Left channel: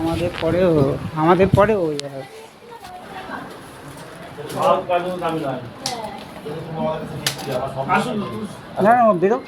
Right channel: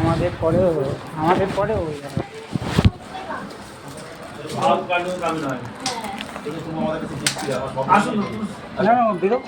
আমাদের পরেও হয়ে যাবে। না না বেরো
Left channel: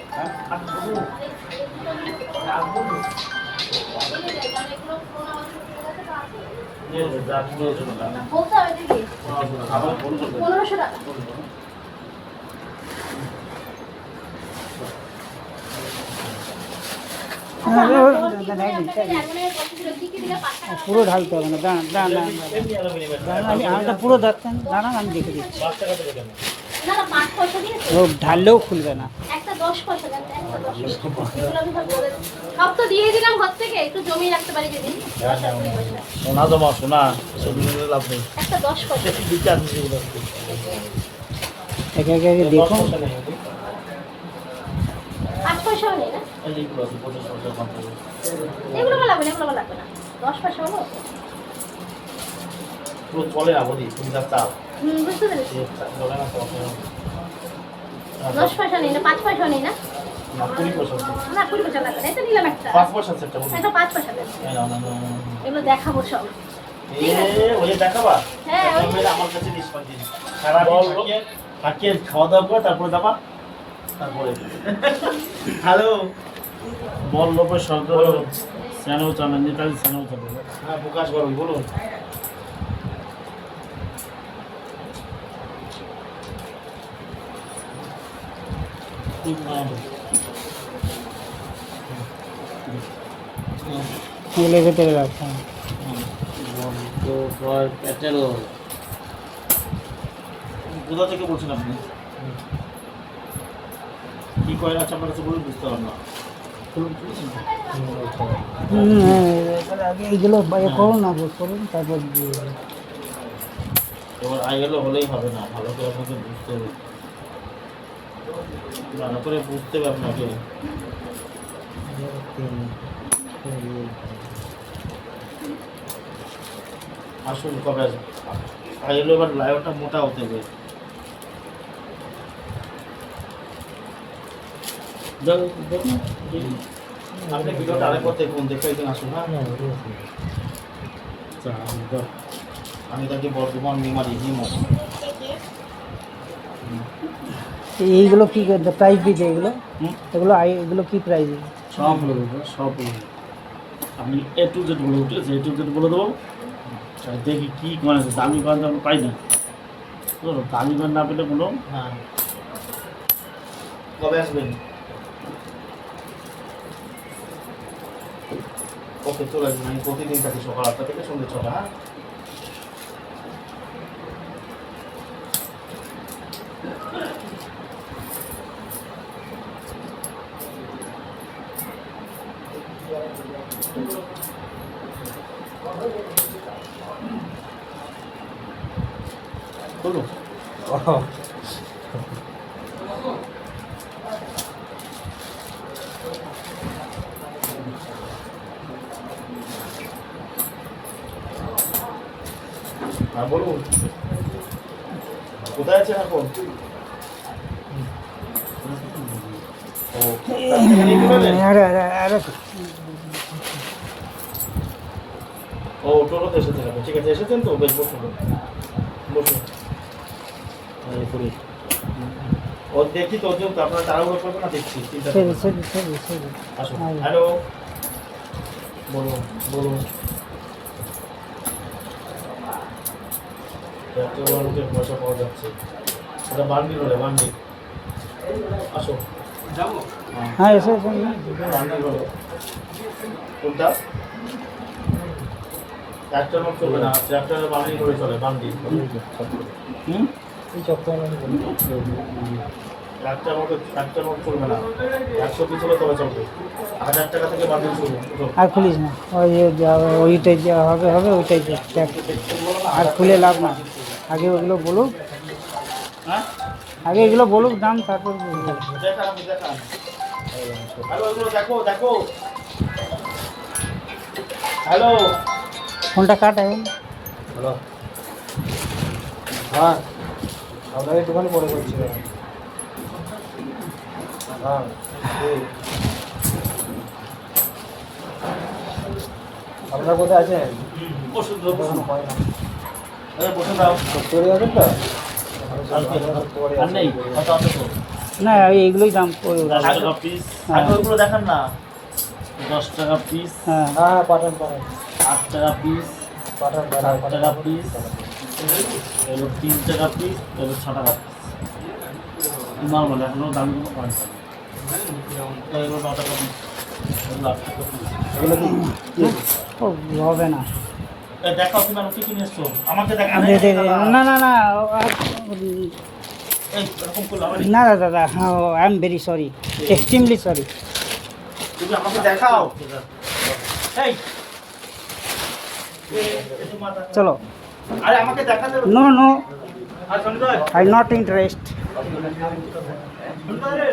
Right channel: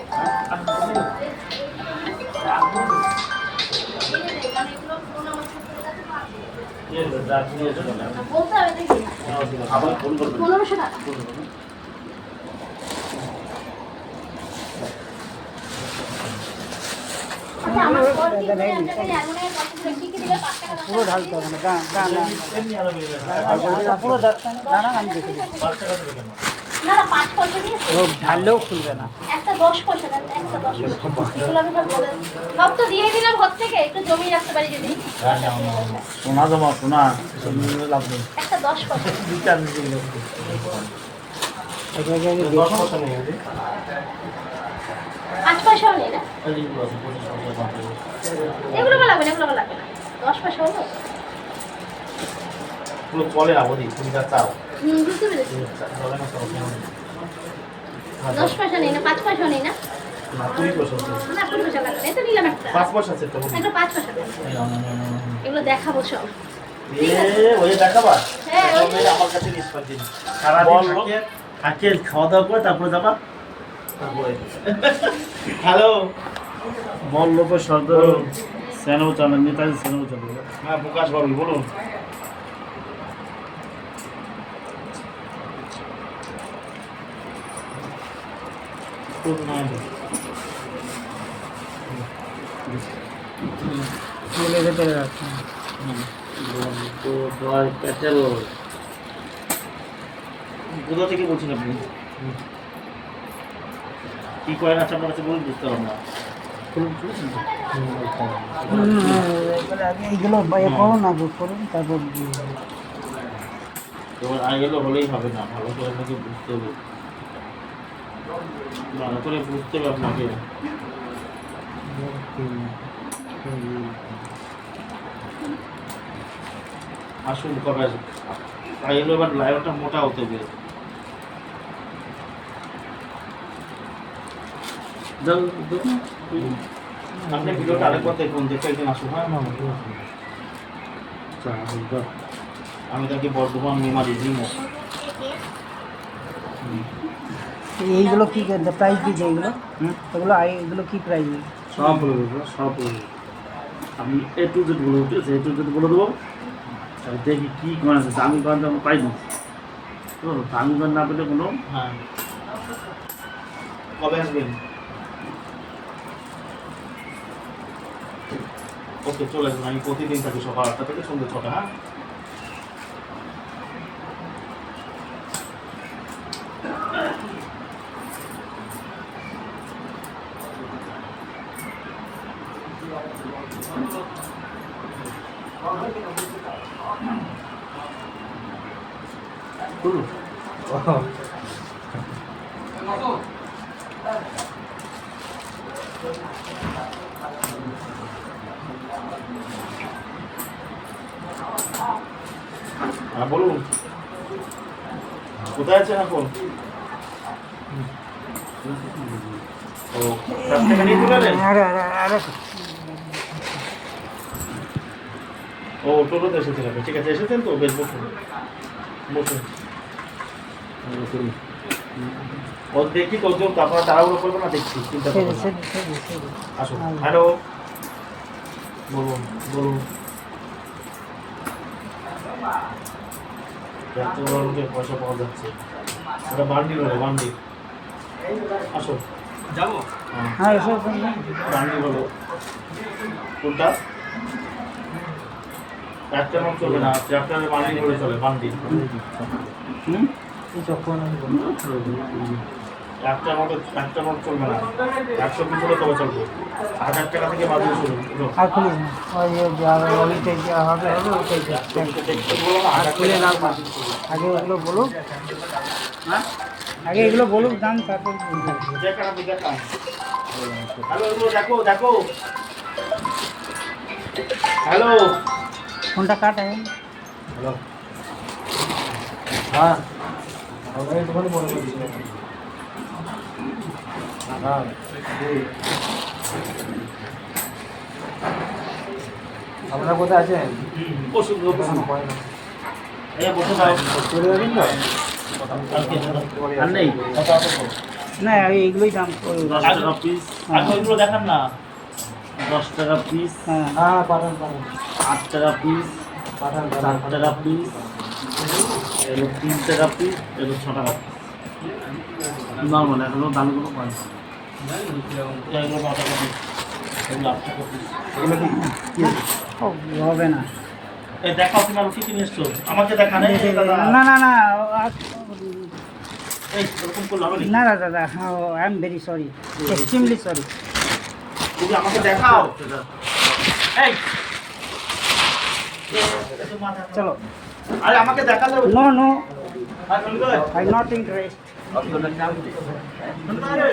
পুরো ঢালতে হবে না, পুরো যাচ্ছে না, না আমি দেখে দিচ্ছি। ওই ঢাললেও খুলবে না। একটা 10 পয়সা দেন, একটা 10 পয়সা এগুলো আমি সব বলে সব তো দিয়ে দিলাম ঘর থেকে, একটু জমিয়ে রাখতে পারি যদি। সোনা জমা সোনা লাভ নেই, একটা 10 পয়সা বিচার এটা আগে দেখুন। 5 পয়সাও নেই না, এগুলো লাগবে না, এগুলো লাগবে না, 10 পয়সা হলো। পুরো চলে না বলি তুমি তার চাও বুঝতে পেরেছি। চলে না তো 10 পয়সা নেই না, 5 পয়সাও নেই না, না 20 পয়সা না 20 পয়সা লাগবে না, এটা নিলাম একটা 5 পয়সা সেটা বলি একটা 5 পয়সা দেন, এগুলো দেখাবো সব। ওই দেখাবা হ্যাঁ, আমার কাছে নিষ্পাত দিন সারাদিন থাকিয়ে খাওয়া দাওয়া করে তারপরে যাবা তারপরে হ্যালো বল লোপের সর্দার স্যানো চালান নেতাজি স্যানো চালান হ্যাঁ প্রকাশ বাবু বলুন চুলের ভেতরে রাখতাম। কোথা থেকে বলছেন আপনি কি কয়েন আছে আপনার কাছে বলুন বুঝতে পারলাম না এইগুলো করুন, আগে করুন, তারপর দিয়ে দেবেন। এবার আইগুলো হলেই হবে না, ভালো করে আপনাকে বুঝতে হবে, ভালো করে বুঝতে হবে আপনাকে। আসুন কবে আসুন আইগুলো এবার লাইভটা মোটা হতে হবে। আপনি ভিডিওটা আরেকবার দেখুন, দেখে একদিন আসুন। হ্যাঁ আমি তাকে বর্ধমান মেমারি জিমো। এইগুলো কি প্রাইস দিচ্ছে? এগুলো এগুলো কি প্রাইস? সব বলে দেবো, সব বলে দেবো। আমি A to Z বলে দেবো, ঠিক আছে? A to Z বলে দেবো, আর দেখি কী কয়েন আছে। দামি কয়েন তো আমি পাইনি, তো দামি কয়েন না পেলে কোনো। হ্যাঁ কবে আসবেন? ওকে চলে আসবেন, আমি প্রতিদিন থাকি সকাল 8টা থেকে সন্ধ্যে 6টা। হ্যাঁ বলুন হ্যাঁ বলুন কোথায় আছেন এখন? ও 4 টাকা নিয়ে চলে এলেন? ও টোটোতে এসেছেন আপনি, ঠিক আছে এসেছেন তো, বেশ বসুন বসুন। ও দেখি তো, আপনারা তাড়াহুড়ো করবেন না, দেখছি, চিন্তা করবেন না। আসুন। হ্যালো বলুন বলুন। এত বড় লোকের পয়সা পাওয়া যাচ্ছে, ওটা বান্ডি বলে, বান্ডি। আসো যাবো। হ্যাঁ এসে বান্ডি বলো কোনটা? একটা নোট চলবে না, চ্যাপ্টারে বান্ডি করে চলে, বান্ডি। যখন একটা নোট চলবে না, 100 পিস হলে তবে চলবে। 1000 টাকা থেকে বান্ডি শুরু। আর খুলিস না, ওইটাই যা হবে ওইটাই আর খুলে লাভ না। আগে ওগুলো বলুক, হ্যাঁ আগে এগুলো বলুক দাম, তারপর দেখান আপনি দেখান। হ্যালো এগুলো দেখো দেখো। হ্যালো ফোনটা কাটায়। হ্যালো হ্যাঁ আমাদের দোকানে বড় করছি। হ্যাঁ আপনারা কোথায় আছেন? বসুন বসুন এই বসে দাও চলে যাবেন তো? কালকে আর নেই কত আছে তো না এইগুলোই দাম 10 টাকা পিস আগে ওইগুলো দেখান না 10 টাকা পিস হ্যাঁ হ্যাঁ পাঠান 8 টাকা পিস পাঠান 7 টাকা পিস এগুলো 3 টাকা পিস এগুলো 6 টাকা পিস নর্মাল এগুলো দামি কোনো পয়েন্ট এগুলো 9 টাকা পিস এগুলো 8 টাকা পিস এগুলো কি হবে না। এই দেখাও তুমি আর কি কিনে এসছো আমাকে দেখান না না না এই এরকম করলে হবে না দাদা I am very sorry, extremely sorry. তুমি আমাকে দেখাও এই একটু মাথা চলো। আরে আমাকে দেখালে নো নো আর শুনবে আই নট ইন্টারেস্ট। শুনবে